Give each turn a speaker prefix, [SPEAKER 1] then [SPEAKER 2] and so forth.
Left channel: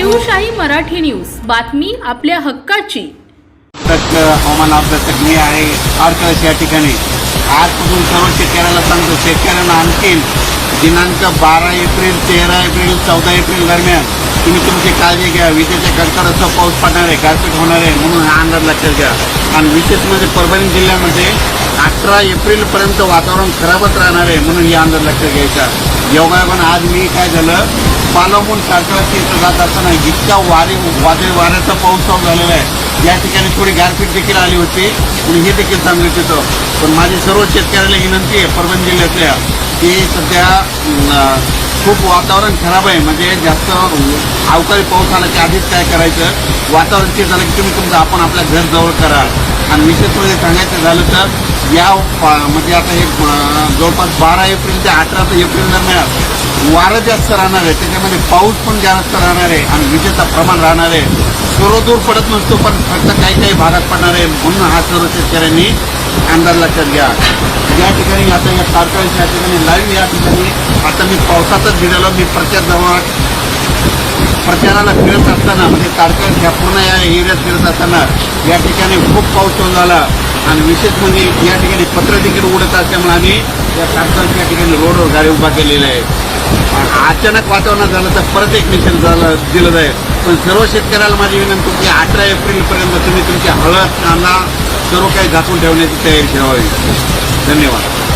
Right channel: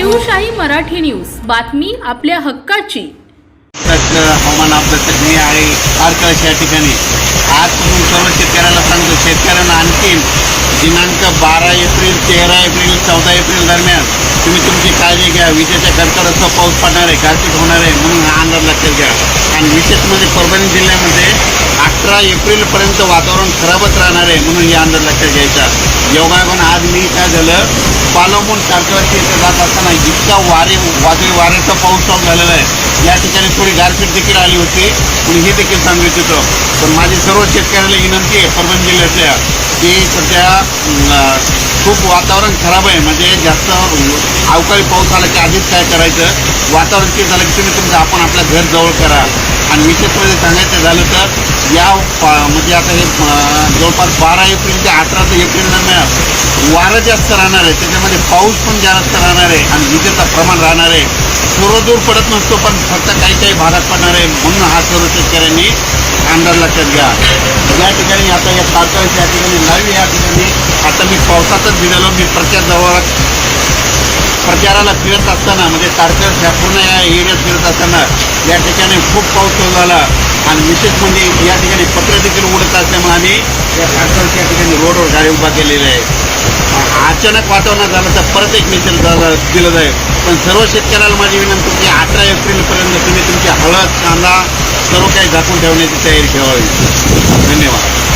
[SPEAKER 1] Shivshahi Marathi news. बातमी आपल्या हक्काची.
[SPEAKER 2] हवामान अभ्यासक मी आहे या ठिकाणी. आजपासून सर्व शेतकऱ्याला सांगतो शेतकऱ्यांना आणखीन दिनांक बारा एप्रिल तेरा एप्रिल चौदा एप्रिल दरम्यान तुम्ही तुमची काळजी घ्या. विजेच्या कडकडाचा पाऊस पडणार आहे गारपीट होणार आहे म्हणून हा अंदाज लक्षात घ्या. आणि विशेष म्हणजे परभणी जिल्ह्यामध्ये अठरा एप्रिलपर्यंत वातावरण खराबच राहणार आहे म्हणून या अंदाज लक्षात घ्यायचा. योगायोगानं आज मी काय झालं पालवून कारकळाची इथं जात असताना इतका वारे वादळी वाऱ्याचा पाऊस चालू झालेला आहे. या ठिकाणी थोडी गारपीट देखील आली होती आणि हे देखील सांगत होतं. पण माझी सर्व शेतकऱ्याला विनंती आहे परभणी जिल्ह्यातल्या की सध्या खूप वातावरण खराब आहे. म्हणजे जास्त अवकाळी पाऊस आला की आधीच काय करायचं? वातावरण ते झालं की तुम्ही तुमचं आपण आपल्या घर जवळ करा. आणि विशेष म्हणजे सांगायचं झालं तर या पा- म्हणजे आता हे जवळपास बारा एप्रिल ते अठरा ते एप्रिल दरम्यान वारं जास्त राहणार आहे. त्याच्यामध्ये पाऊस पण जास्त राहणार आहे आणि विजेचं प्रमाण राहणार आहे. सर्वदूर पडत नसतो पण फक्त काही काही भागात पडणार आहे म्हणून हा सर्व शेतकऱ्यांनी अंदाज लक्षात घ्या. या ठिकाणी आता या तारकाळीस या ठिकाणी लाईव्ह या ठिकाणी आता मी पावसातच निघालो. मी प्रचार जवळ प्रचाराला फिरत असताना म्हणजे तारकळ ह्या पूर्ण या एरियात फिरत असताना या ठिकाणी खूप पाऊस सुरू झाला. आणि विशेष म्हणजे या ठिकाणी पत्र देखील उडत असल्यामुळे आम्ही या तारकळच्या ठिकाणी रोडवर गाडी उभा केलेली आहे. अचानक वातावरण झालं तर परत एक मेसेज झालं दिलं जाईल. पण सर्व शेतकऱ्याला माझी विनंती की अठरा एप्रिलपर्यंत तुम्ही तुमची हळद कांदा सर्व काही झाकून ठेवण्याची तयारी ठेवावी. धन्यवाद.